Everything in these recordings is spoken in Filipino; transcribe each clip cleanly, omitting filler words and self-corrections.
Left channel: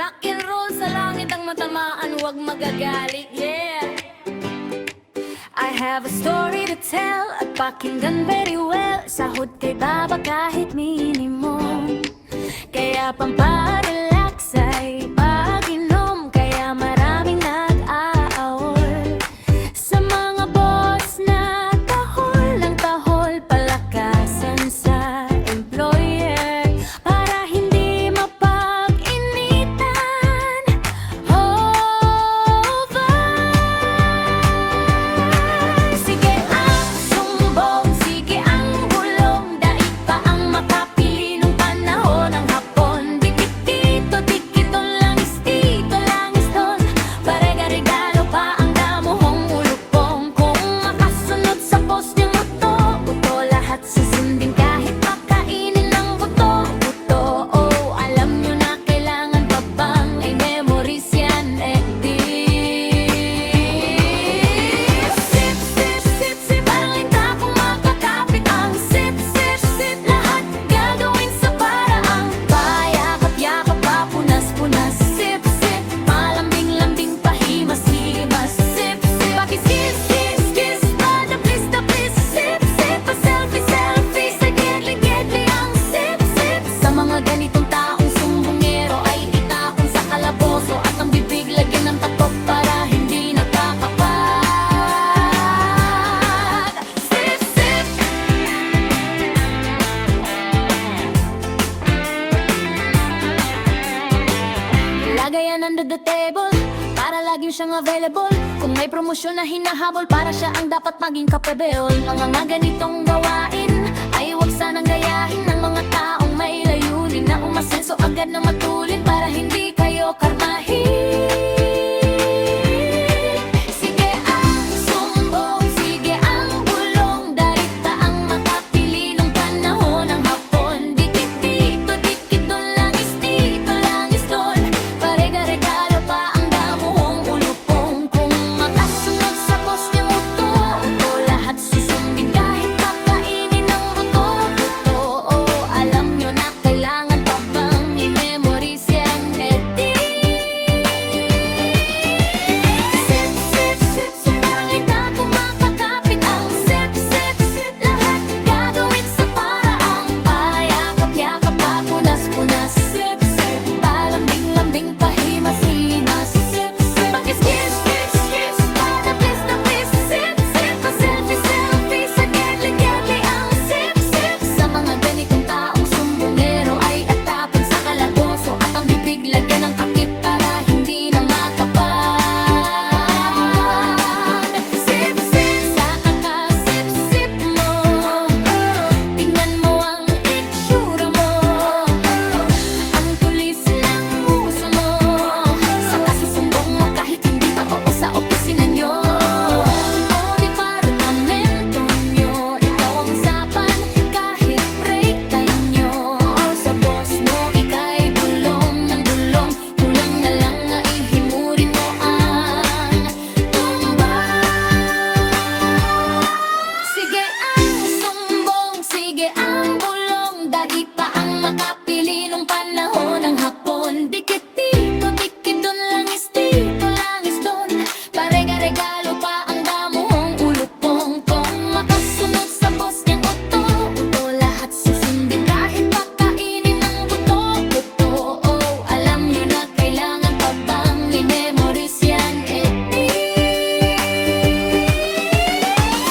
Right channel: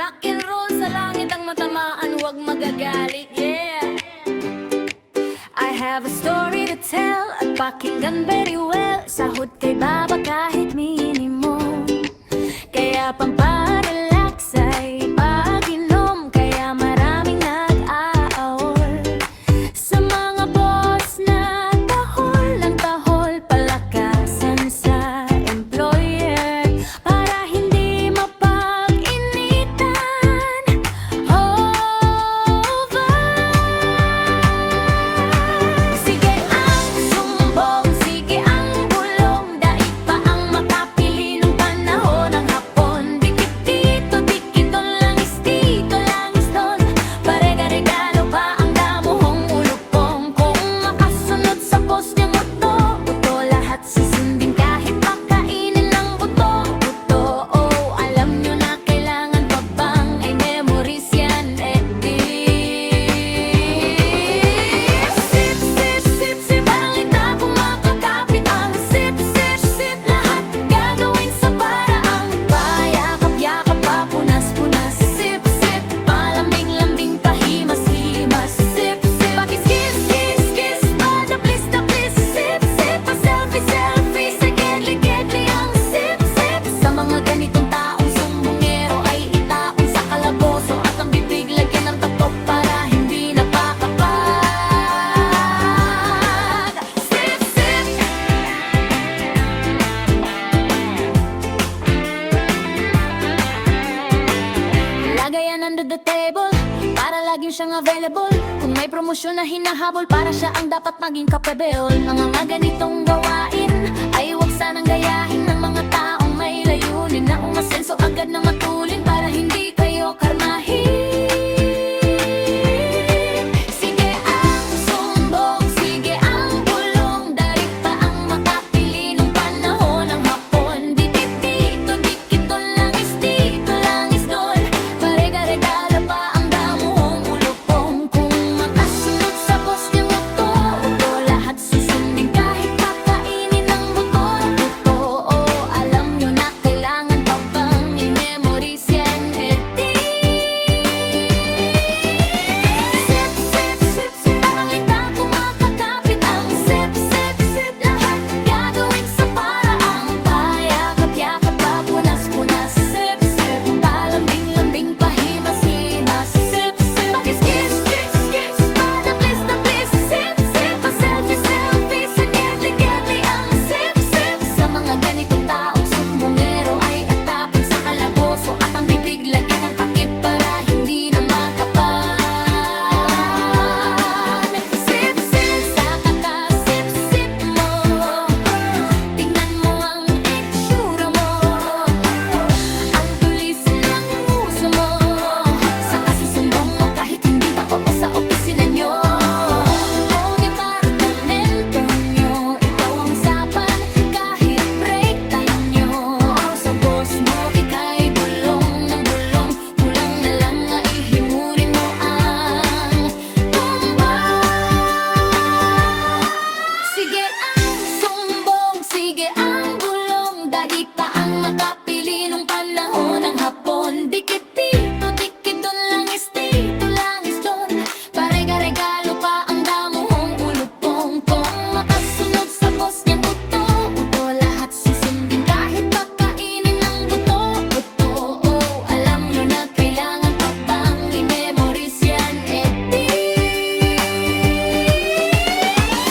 Rock and roll sa langit ang matamaan, huwag magagalit, yeah. I have a story to tell at pakinggan very well. Sahod kay baba kahit minimum, kaya pamparelax ay pag-inom, kaya maraming nag-aawol. Sa mga boss na tahol ang tahol, palakasan sa employer para hindi mapag-initan. Over. Sige ang sumbong, sige ang bulong, daig pa ang makapili nung panahon ng hapon. Dikit dito, dikit doon, langis dito, langis doon, parega-regalo pa ang damuhong ulupong. Kung makasunod sa post niyang uto, lahat susundin kahit pakainin ng buto. Oh, alam nyo na kailangan pa bang ay memories yan, di. Sip, sip, sip, sip, parang linta kung makakapit ang sip, sip, sip. Lahat gagawin sa paraang payakap-yakap pa, punas-punas. Sip, sip, palambing-lambing, pahimas-himas. Sip, sip, pakis-kiss, kiss, kiss, padaplis-taplis. Sip, sip, pa-selfie-selfie, sa gedli-gedli ang sip, sip. Sa mga ganitong taong sumbongero ay itaon sa kalaboso at ang bibig lagyan ng tatok para hindi napakapag. Sip, sip. Lagayan under the table para laging siyang available. Kung may promosyon na hinahabol, para siya ang dapat maging kapebel. Mga ganitong gawain ay huwag sanang gayahin ng mga taong may layunin na umasenso agad na matulin para hindi kayo karmahin. Sige ang sumbong, sige ang bulong, daig pa ang makapili nung panahon ng hapon. Dikit dito, dikit doon, langis dito, langis doon, parega-regalo pa ang damuhong ulupong. Kung makasunod sa boss niyang uto, lahat susundin kahit pakainin ng buto. Oh, alam nyo na kailangan pa bang i-memories yan, di. Sip, sip, sip, sip, parang linta kung makakapit ang sip, sip, sip. Lahat gagawin sa paraang payakap-yakap pa, punas-punas. Sip, sip, palambing-lambing, pahimas-himas. Sip, sip, pakis-kiss, kiss, kiss, padaplis-taplis. Sip, sip, pa-selfie-selfie, sa gedli-gedli ang sip, sip. Sa mga ganitong taong sumbongero ay atapon sa kalaboso at ang bibig lagyan ng takip para hindi na makapag. Sip, sip, sa kakasip-sip mo, tingnan mo ang itsura mo, ang tulis ng uso mo, sa kasusumbong mo kahit hindi pa oo sa opisina nyo o departamento nyo. Ikaw ang usapan kahit break time nyo. Sa boss mo ika'y bulong ng bulong, kulang na lang nga ihimurin mo ang tumbang. Sige ang sumbong, sige ang bulong, daig pa ang makapili nung panahon ng hapon. Dikit dito, dikit doon, langis dito, langis doon, parega-regalo pa ang damuhong ulupong. Kung makasunod sa boss niyang uto, lahat susundin kahit pakainin ng buto. Oh, alam nyo na kailangan pa bang i-memories yan, di.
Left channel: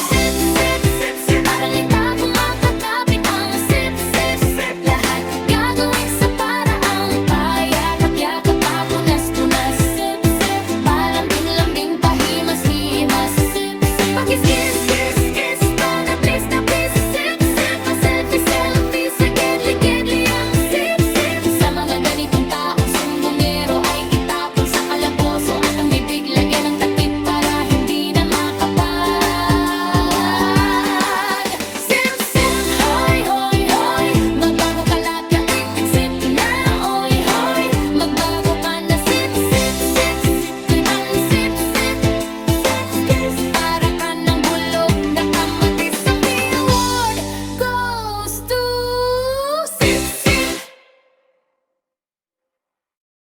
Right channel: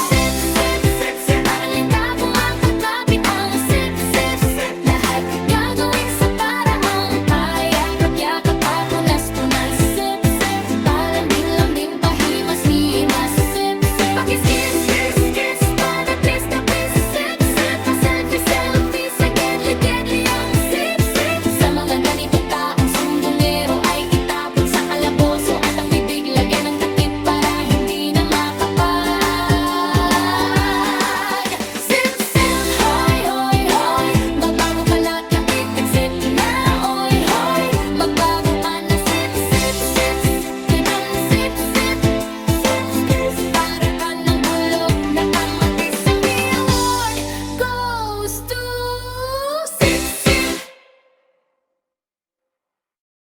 Sip, sip, sip, sip, parang linta kung makakapit ang sip, sip, sip. Lahat gagawin sa paraang payakap-yakap pa, punas-punas. Sip, sip, palambing-lambing, pahimas-himas. Sip, sip, pakis-kiss, kiss, kiss, padaplis-taplis. Sip, sip, pa-selfie-selfie, sa gedli-gedli ang sip, sip. Sa mga ganitong tao